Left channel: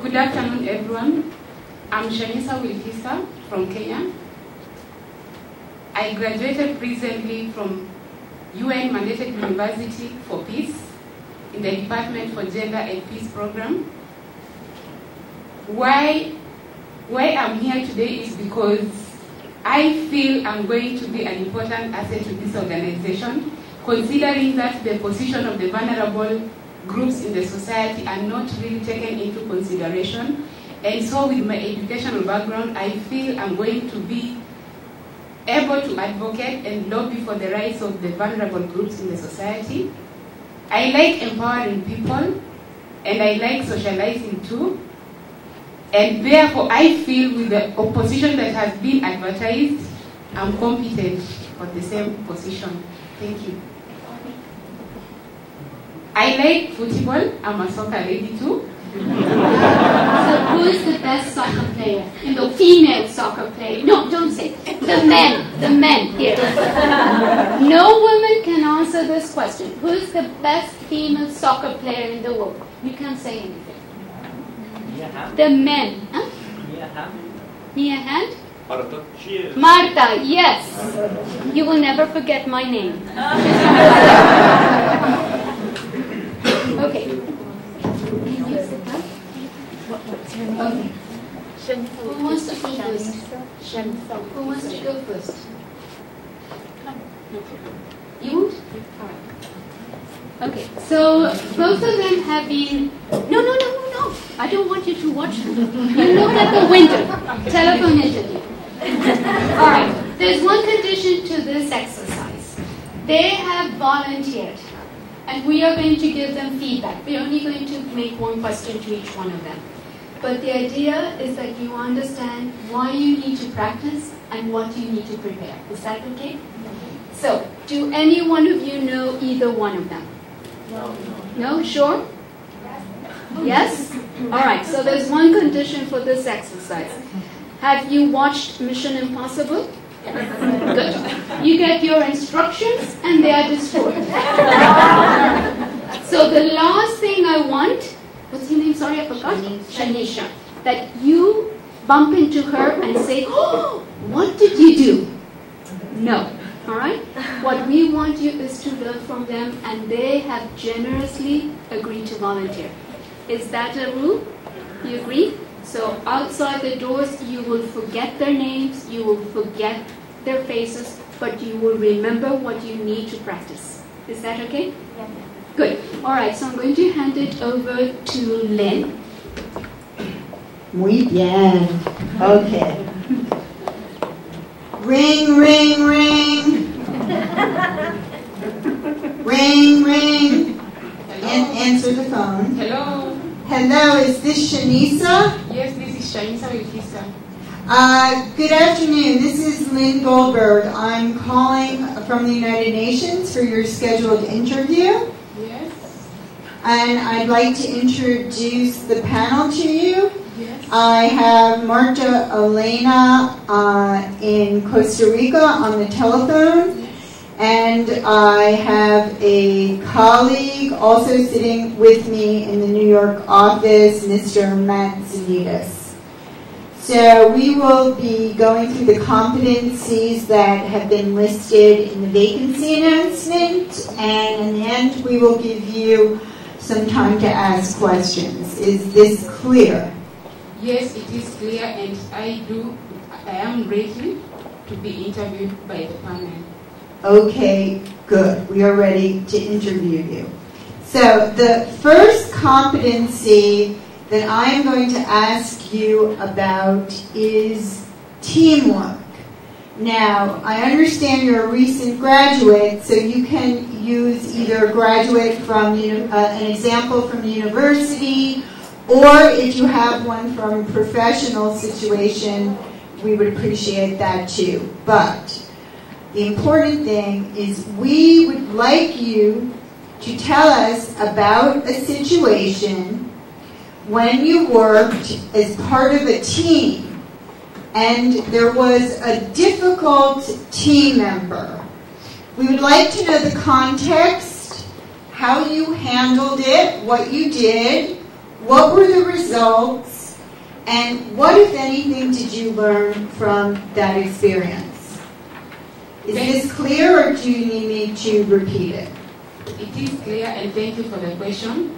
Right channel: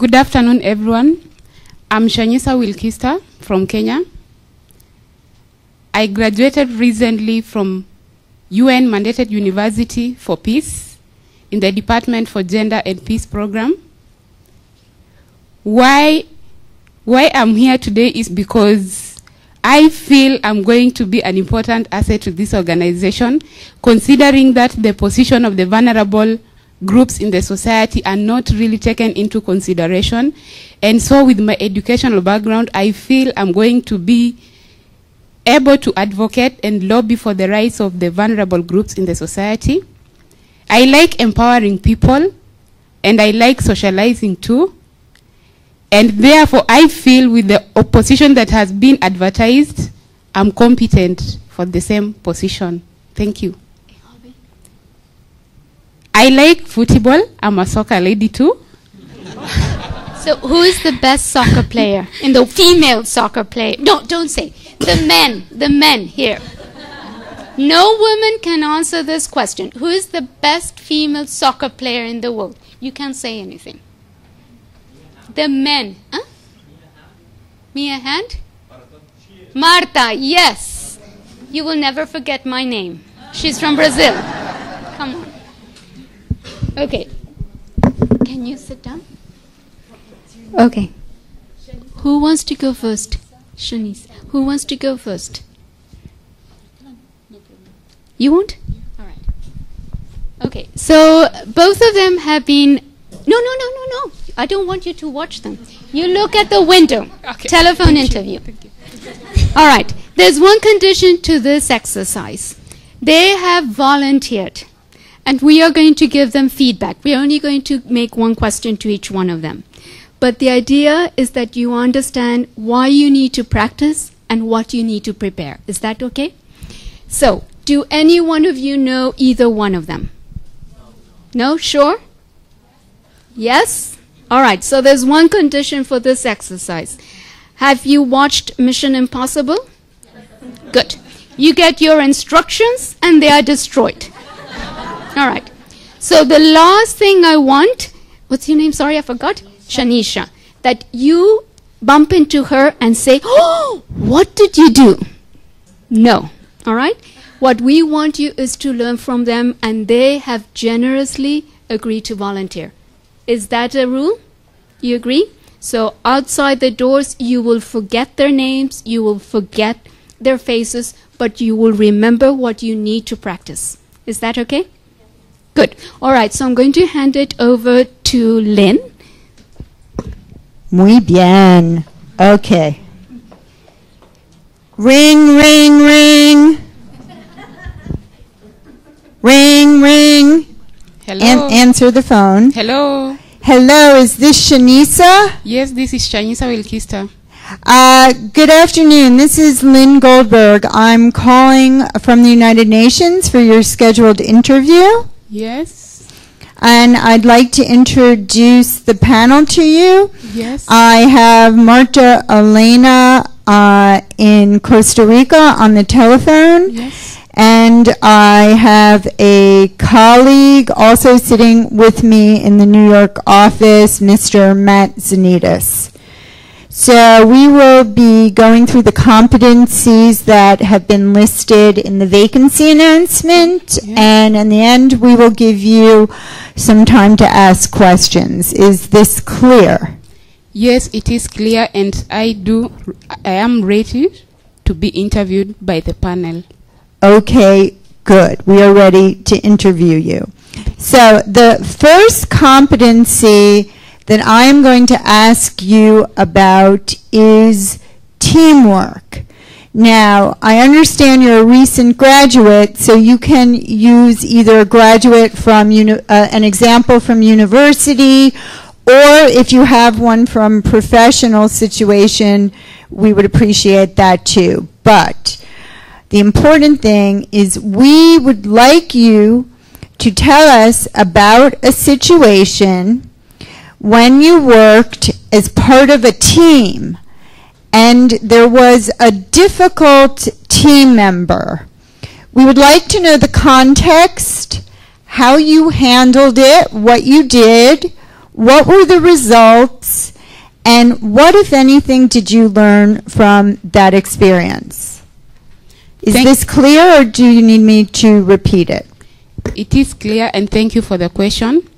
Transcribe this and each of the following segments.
Good afternoon, everyone. I'm Shanyisa Wilkista from Kenya. I graduated recently from UN mandated University for Peace in the Department for Gender and Peace program. Why I'm here today is because I feel I'm going to be an important asset to this organization, considering that the position of the vulnerable groups in the society are not really taken into consideration. And so with my educational background, I feel I'm going to be able to advocate and lobby for the rights of the vulnerable groups in the society. I like empowering people, and I like socializing too. And therefore, I feel with the opposition that has been advertised, I'm competent for the same position. Thank you. I like football. I'm a soccer lady too. So who is the best soccer player? In the female soccer player? No, don't say. The men here. No woman can answer this question. Who is the best female soccer player in the world? You can't say anything. The men. Huh? Mia Hand? Marta, yes. You will never forget my name. She's from Brazil. Come on. Okay. Can you sit down? Okay. Who wants to go first? Who wants to go first? You won't? Okay. So both of them have been... No. I don't want you to watch them. You look at the window. Okay. Telephone interview. All right. There's one condition to this exercise. They have volunteered. And we are going to give them feedback. We are only going to make one question to each one of them. But the idea is that you understand why you need to practice and what you need to prepare. Is that okay? So, do any one of you know either one of them? No? Sure? Yes? All right, so there's one condition for this exercise. Have you watched Mission Impossible? Good. You get your instructions and they are destroyed. All right. So the last thing I want, what's your name? Sorry, I forgot. Shanisha. That you bump into her and say, oh, what did you do? No. All right? What we want you is to learn from them, and they have generously agreed to volunteer. Is that a rule? You agree? So outside the doors, you will forget their names, you will forget their faces, but you will remember what you need to practice. Is that okay? Yeah. Good. All right, so I'm going to hand it over to Lynne. Muy bien. Okay. Ring, ring, ring. Ring, ring. Hello. Answer the phone. Hello. Hello, is this Shanisa? Yes, this is Shanyisa Wilkista. Good afternoon. This is Lynne Goldberg. I'm calling from the United Nations for your scheduled interview. Yes. And I'd like to introduce the panel to you. Yes. I have Marta Helena in Costa Rica on the telephone. Yes. And I have a colleague also sitting with me in the New York office, Mr. Matt Zanitas. So we will be going through the competencies that have been listed in the vacancy announcement, and in the end we will give you some time to ask questions. Is this clear? Yes, it is clear, and I am ready to be interviewed by the panel. Okay, good. We are ready to interview you. So the first competency that I'm going to ask you about is teamwork. Now, I understand you're a recent graduate, so you can use either a graduate from an example from university, or if you have one from professional situation, we would appreciate that too. But the important thing is we would like you to tell us about a situation when you worked as part of a team and there was a difficult team member. We would like to know the context, how you handled it, what you did, What were the results? And what, if anything, did you learn from that experience? Is this clear, or do you need me to repeat it? It is clear, and thank you for the question.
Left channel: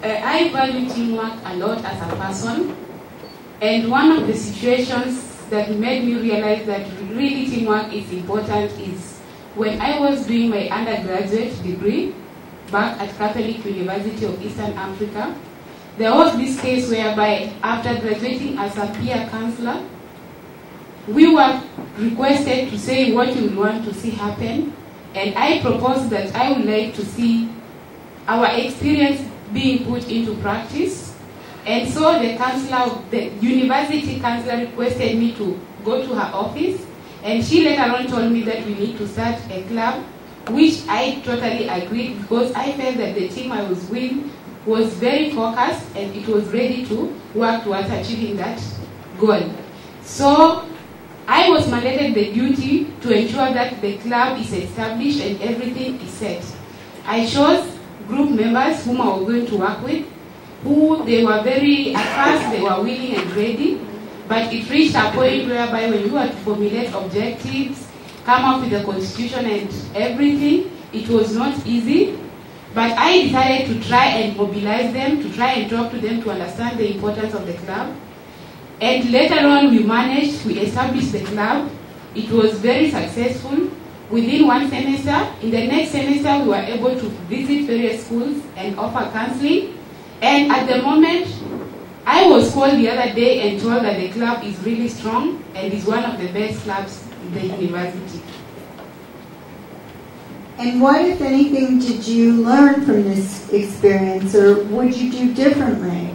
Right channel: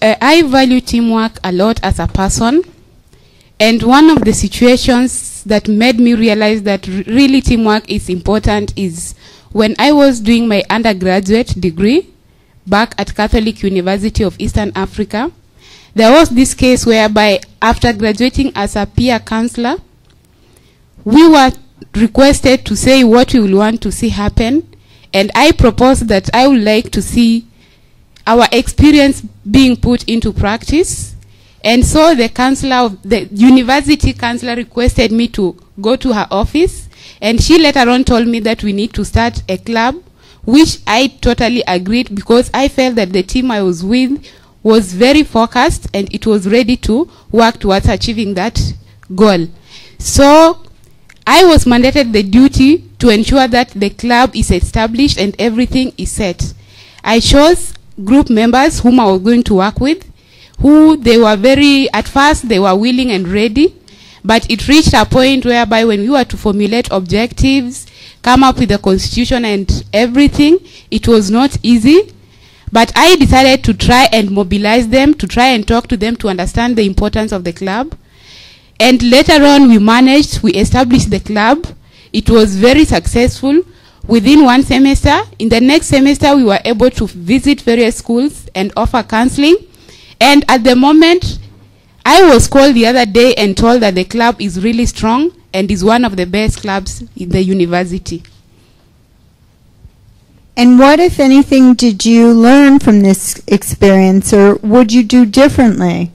I value teamwork a lot as a person, and one of the situations that made me realize that really teamwork is important is when I was doing my undergraduate degree back at Catholic University of Eastern Africa. There was this case whereby after graduating as a peer counselor, we were requested to say what we would want to see happen, and I proposed that I would like to see our experience being put into practice. And so the university counselor requested me to go to her office, and she later on told me that we need to start a club, which I totally agreed, because I felt that the team I was with was very focused and it was ready to work towards achieving that goal. So I was mandated the duty to ensure that the club is established and everything is set. I chose group members whom I was going to work with, who they were at first they were willing and ready, but it reached a point whereby when you were to formulate objectives, come up with a constitution and everything, it was not easy. But I decided to try and mobilize them, to try and talk to them to understand the importance of the club. And later on we established the club. It was very successful. Within one semester, in the next semester, we were able to visit various schools and offer counseling. And at the moment, I was called the other day and told that the club is really strong and is one of the best clubs in the university. And what, if anything, did you learn from this experience, or would you do differently?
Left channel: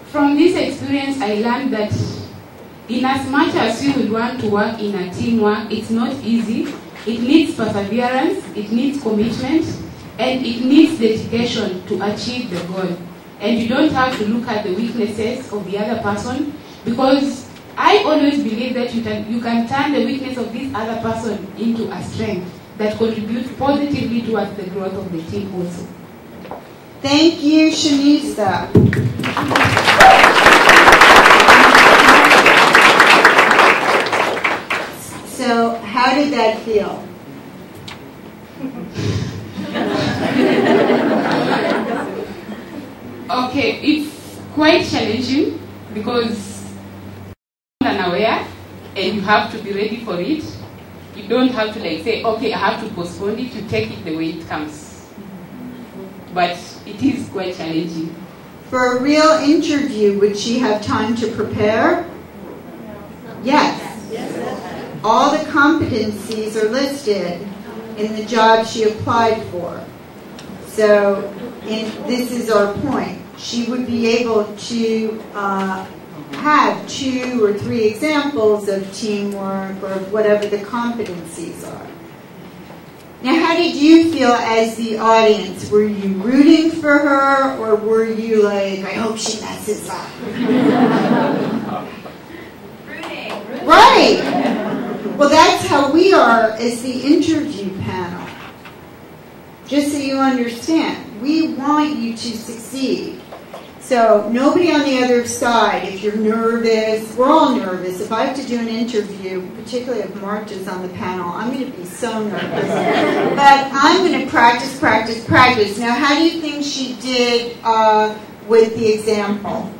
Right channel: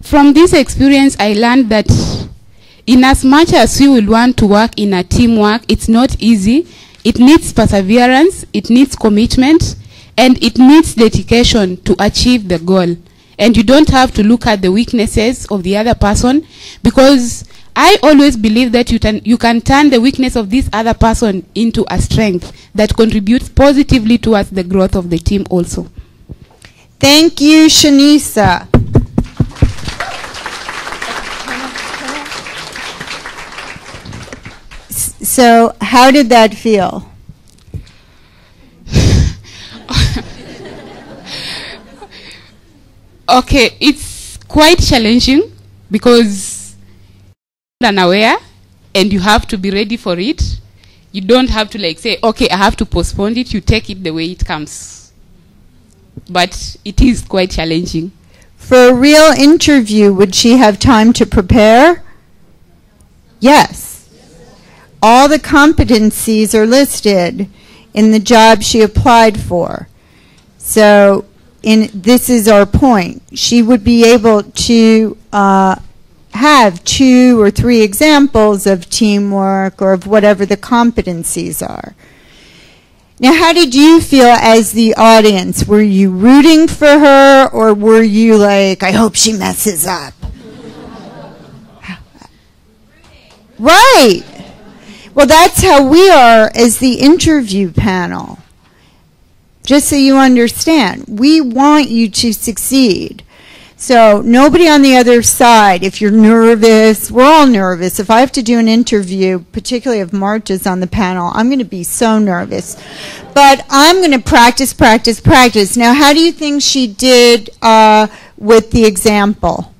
From this experience, I learned that in as much as we will want to work in a teamwork, it's not easy. It needs perseverance, it needs commitment, and it needs dedication to achieve the goal. And you don't have to look at the weaknesses of the other person, because I always believe that you can turn the weakness of this other person into a strength that contributes positively towards the growth of the team also. Thank you, Shanisa. So, how did that feel? Okay, it's quite challenging because you're unaware and you have to be ready for it. You don't have to say, okay, I have to postpone it. You take it the way it comes. But it is quite challenging. For a real interview, would she have time to prepare? Yes. All the competencies are listed in the job she applied for. So this is our point. She would be able to have 2 or 3 examples of teamwork or of whatever the competencies are. Now, how did you feel as the audience? Were you rooting for her, or were you like, I hope she messes up? Right. Well, that's how we are as the interview panel. Just so you understand, we want you to succeed. So nobody on the other side, if you're nervous, we're all nervous. If I have to do an interview, particularly if Marta's on the panel, I'm going to be so nervous. But I'm going to practice, practice, practice. Now, how do you think she did with the example?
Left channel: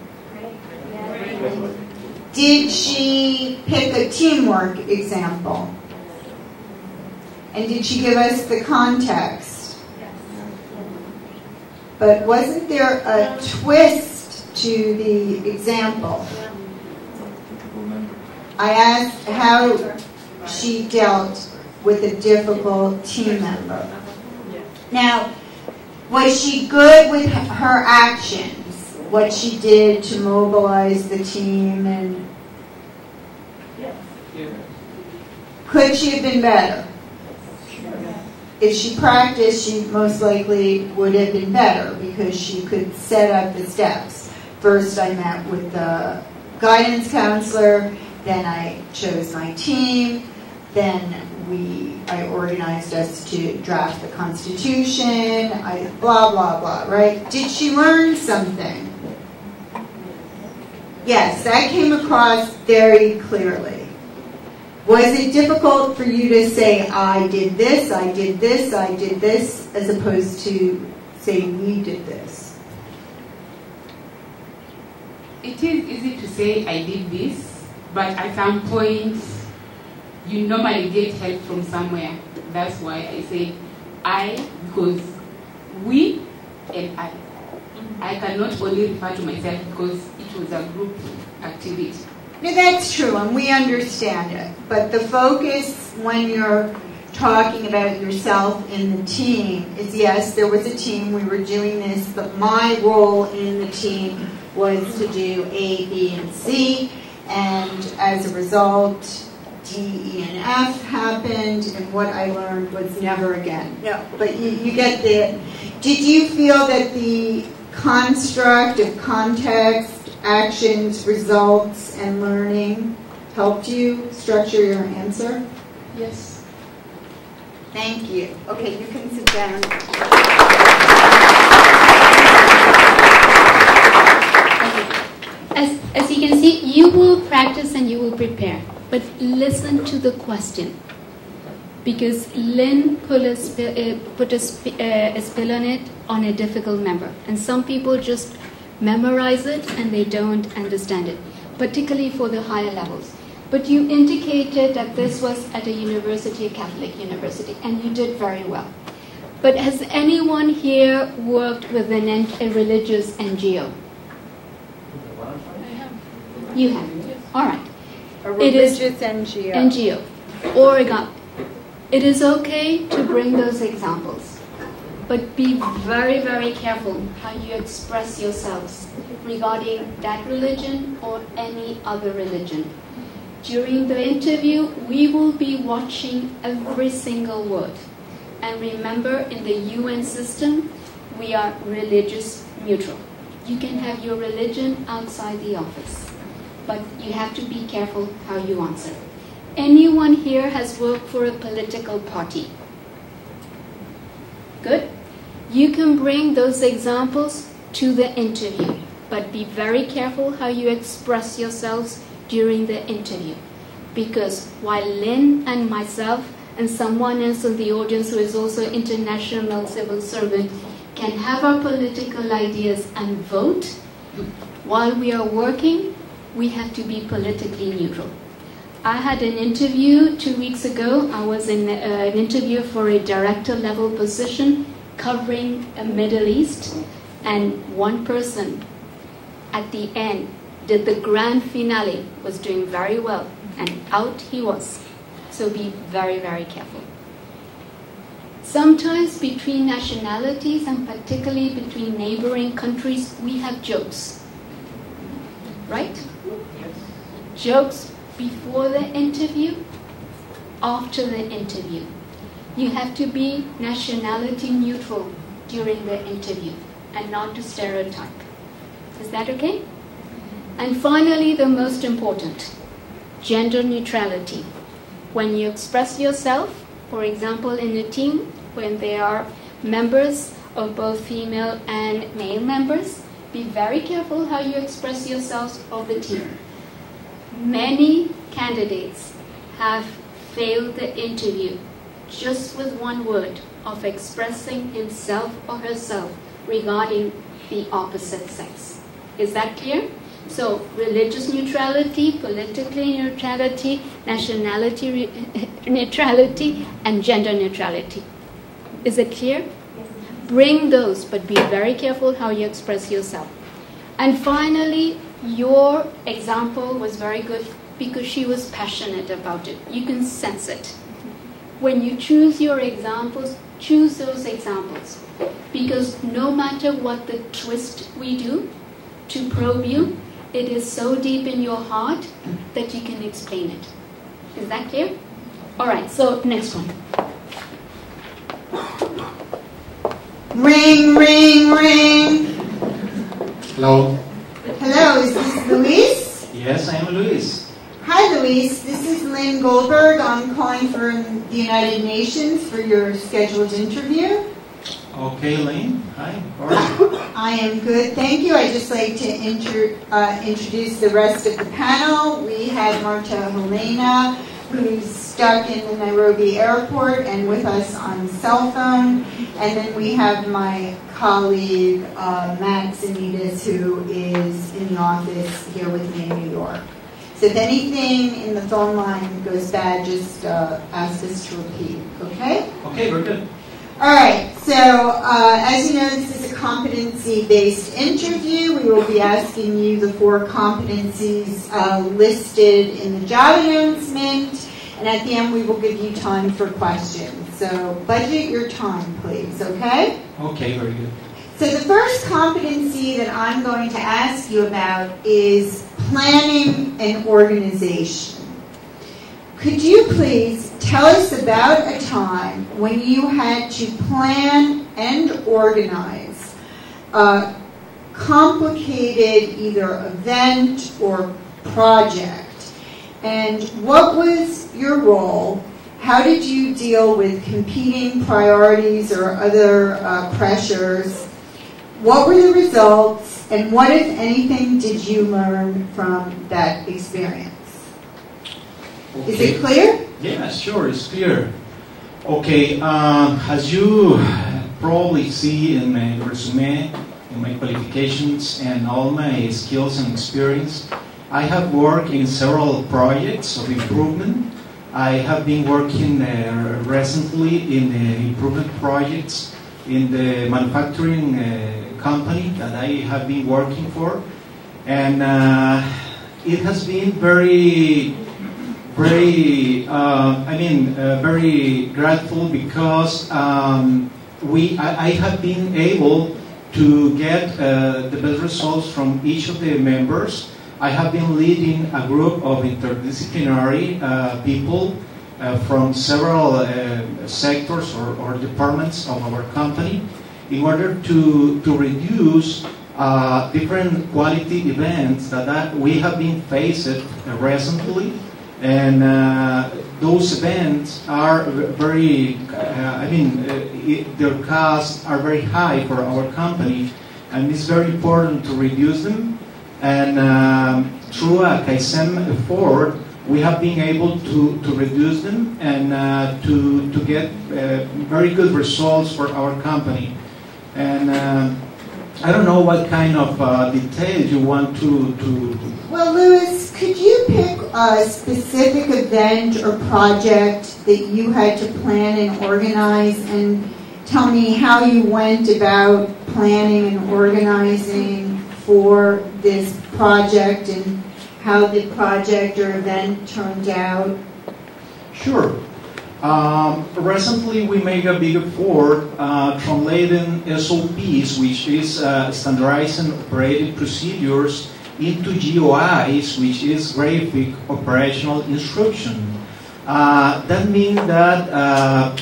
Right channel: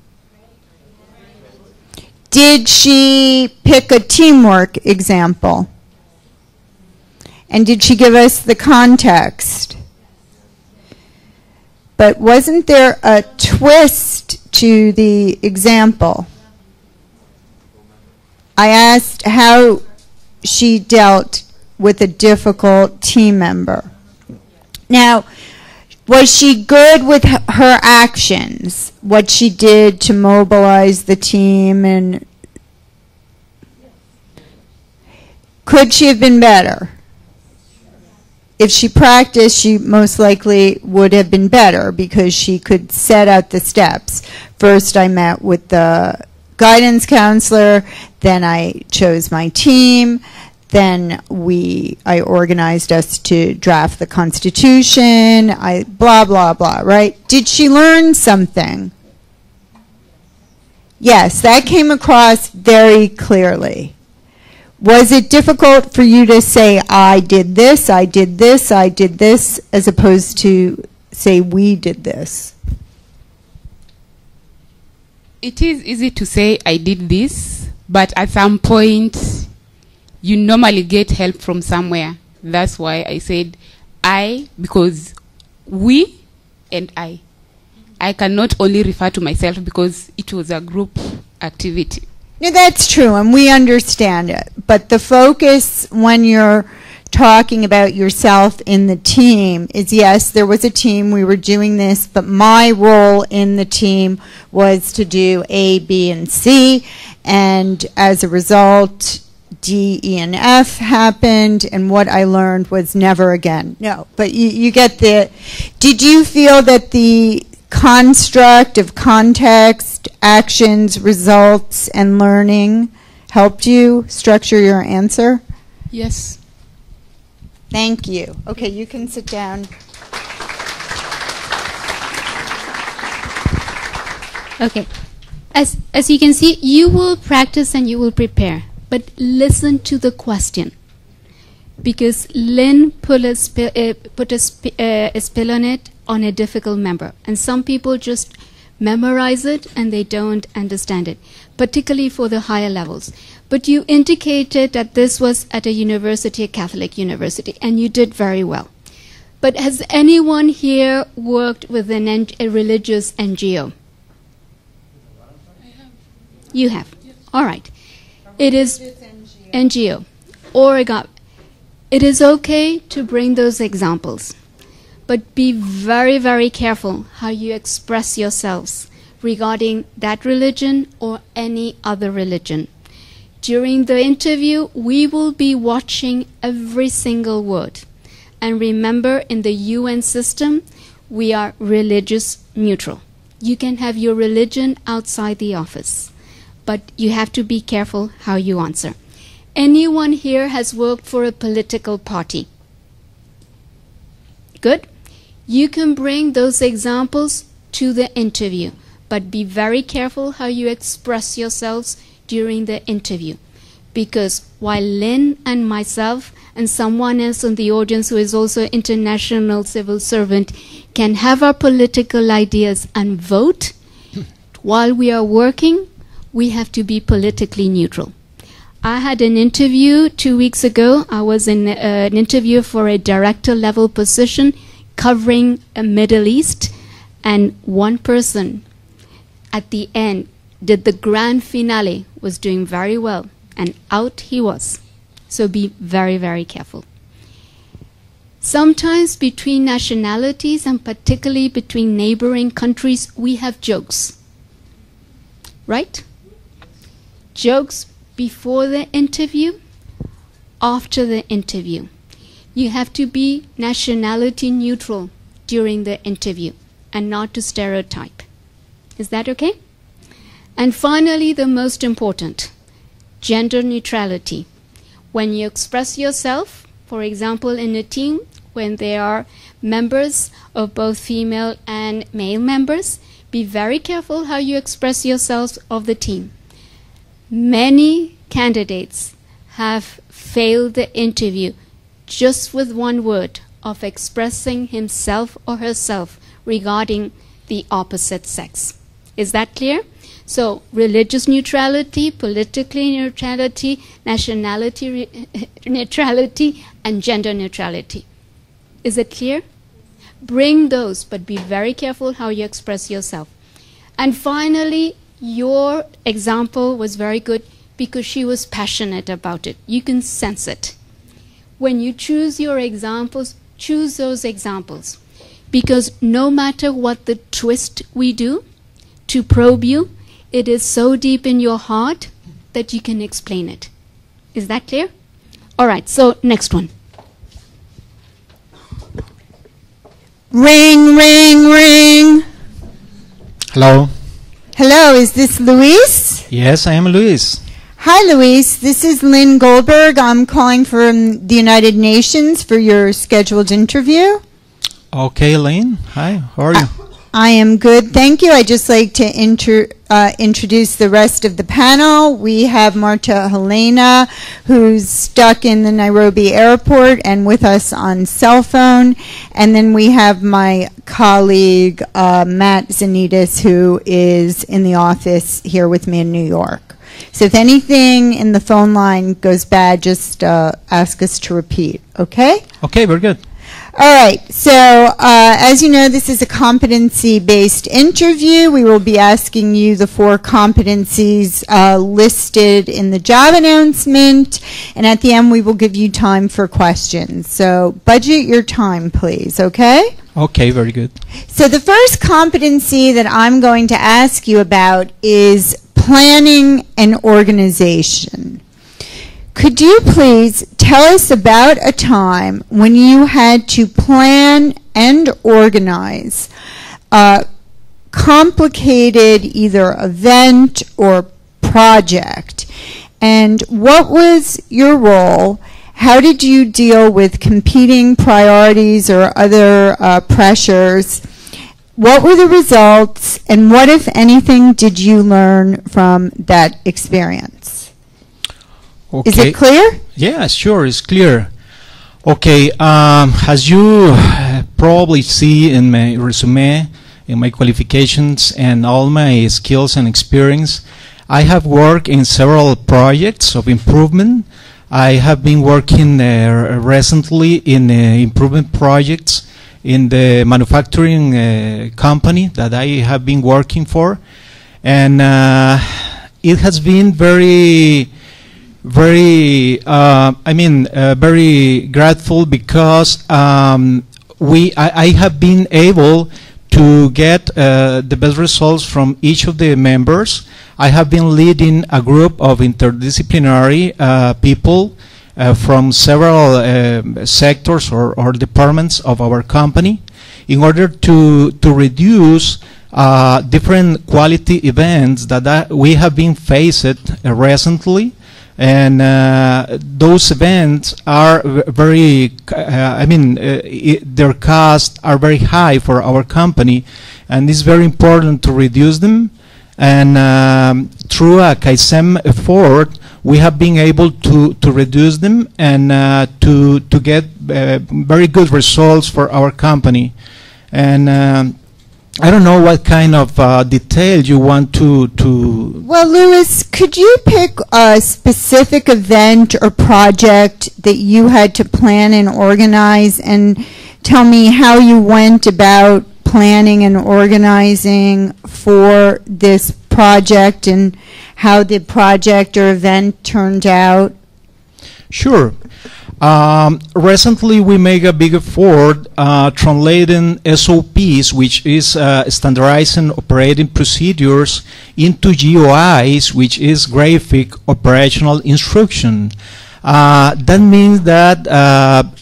Did she pick a teamwork example? And did she give us the context? But wasn't there a twist to the example? I asked how she dealt with a difficult team member. Now, was she good with her actions? What she did to mobilize the team, and could she have been better? If she practiced, she most likely would have been better because she could set out the steps. First, I met with the guidance counselor, then I chose my team, then I organized us to draft the Constitution, blah, blah, blah, right? Did she learn something? Yes, that came across very clearly. Was it difficult for you to say, I did this, I did this, I did this, as opposed to say, we did this? It is easy to say, I did this, but at some point, you normally get help from somewhere. That's why I said I, because we and I cannot only refer to myself because it was a group activity. Yeah, that's true, and we understand it. But the focus when you're talking about yourself in the team is, yes, there was a team, we were doing this, but my role in the team was to do A, B, and C, and as a result, D, E, and F happened, and what I learned was never again. No, but you get the... Did you feel that the construct of context, actions, results, and learning helped you structure your answer? Yes. Thank you. Okay, you can sit down. Okay. As you can see, you will practice and you will prepare. But listen to the question, because Lynn put a spell on it on a difficult member, and some people just memorize it and they don't understand it, particularly for the higher levels. But you indicated that this was at a university, a Catholic university, and you did very well. But has anyone here worked with a religious NGO? You have. All right. It is NGO. Oregon. It is okay to bring those examples, but be very, very careful how you express yourselves regarding that religion or any other religion. During the interview, we will be watching every single word. And remember, in the UN system, we are religious neutral. You can have your religion outside the office, but you have to be careful how you answer. Anyone here has worked for a political party? Good. You can bring those examples to the interview, but be very careful how you express yourselves during the interview. Because while Lynn and myself and someone else in the audience who is also an international civil servant can have our political ideas and vote, while we are working, we have to be politically neutral. I had an interview 2 weeks ago. I was in an interview for a director level position covering a Middle East, and one person at the end did the grand finale, was doing very well, and out he was. So be very, very careful. Sometimes between nationalities, and particularly between neighboring countries, we have jokes, right? Jokes before the interview, after the interview. You have to be nationality neutral during the interview and not to stereotype. Is that okay? And finally, the most important, gender neutrality. When you express yourself, for example, in a team, when there are members of both female and male members, be very careful how you express yourselves of the team. Many candidates have failed the interview just with one word of expressing himself or herself regarding the opposite sex. Is that clear? So religious neutrality, political neutrality, nationality neutrality, and gender neutrality. Is it clear? Bring those, but be very careful how you express yourself. And finally, your example was very good because she was passionate about it. You can sense it. When you choose your examples, choose those examples. Because no matter what the twist we do to probe you, it is so deep in your heart that you can explain it. Is that clear? All right, so next one. Ring, ring, ring. Hello. Hello, is this Luis? Yes, I am Luis. Hi, Luis. This is Lynne Goldberg. I'm calling from the United Nations for your scheduled interview. Okay, Lynne. Hi. How are you? I am good, thank you. I'd just like to introduce the rest of the panel. We have Marta Helena, who's stuck in the Nairobi airport and with us on cell phone. And then we have my colleague, Matt Zanitas, who is in the office here with me in New York. So if anything in the phone line goes bad, just ask us to repeat, okay? Okay, we're good. All right, so as you know, this is a competency-based interview. We will be asking you the 4 competencies listed in the job announcement, and at the end we will give you time for questions. So budget your time, please, okay? Okay, very good. So the first competency that I'm going to ask you about is planning and organization. Could you please tell us about a time when you had to plan and organize a complicated either event or project? And what was your role? How did you deal with competing priorities or other pressures? What were the results? And what, if anything, did you learn from that experience? Okay. Is it clear? Yeah, sure, it's clear. Okay, as you probably see in my resume, in my qualifications and all my skills and experience, I have worked in several projects of improvement. I have been working recently in improvement projects in the manufacturing company that I have been working for. And it has been very grateful because I have been able to get the best results from each of the members. I have been leading a group of interdisciplinary people from several sectors or departments of our company in order to reduce different quality events that we have been faced recently. And those events are very, their costs are very high for our company, and it's very important to reduce them. And through a Kaizen effort, we have been able to reduce them and to get very good results for our company. And I don't know what kind of detail you want to... Well, Louis, could you pick a specific event or project that you had to plan and organize and tell me how you went about planning and organizing for this project and how the project or event turned out? Sure. Recently, we made a big effort translating SOPs, which is standardizing operating procedures, into GOIs, which is graphic operational instruction. That means that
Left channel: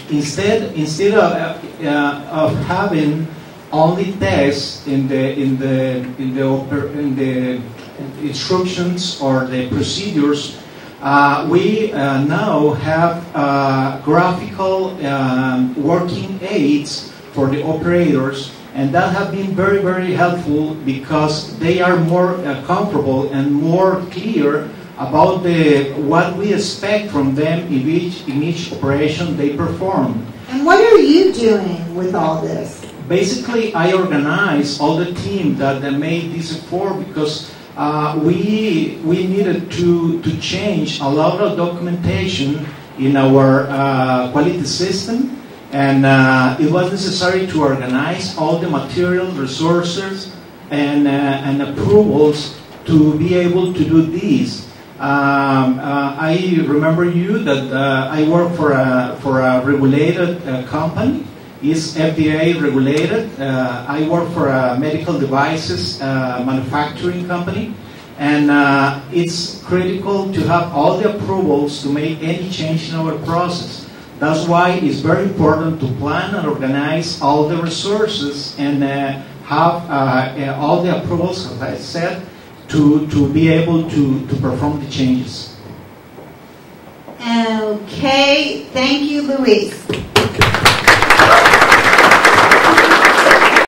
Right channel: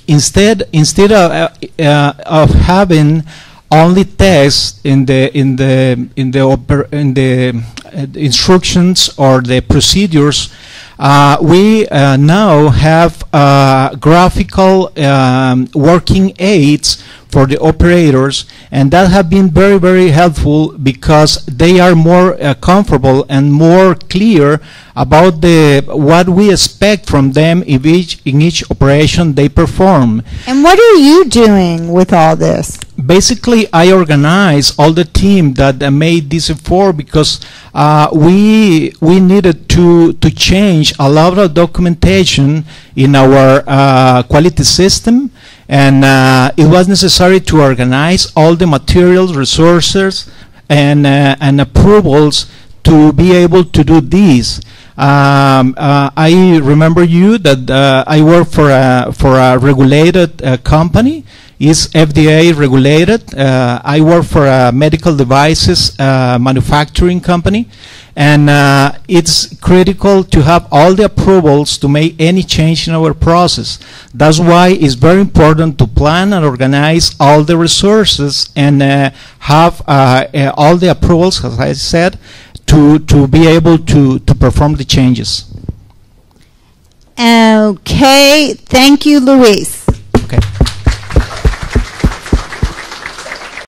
instead of having only text in the instructions or the procedures, we now have graphical working aids for the operators, and that have been very, very helpful because they are more comfortable and more clear about what we expect from them in each operation they perform. And what are you doing with all this? Basically, I organize all the team that made this effort because we needed to change a lot of documentation in our quality system, and it was necessary to organize all the materials, resources, and approvals to be able to do this. I remember you that I work for a regulated company. It's FDA regulated. I work for a medical devices manufacturing company, and it's critical to have all the approvals to make any change in our process. That's why it's very important to plan and organize all the resources and have all the approvals, as I said, to be able to perform the changes. Okay, thank you, Luis.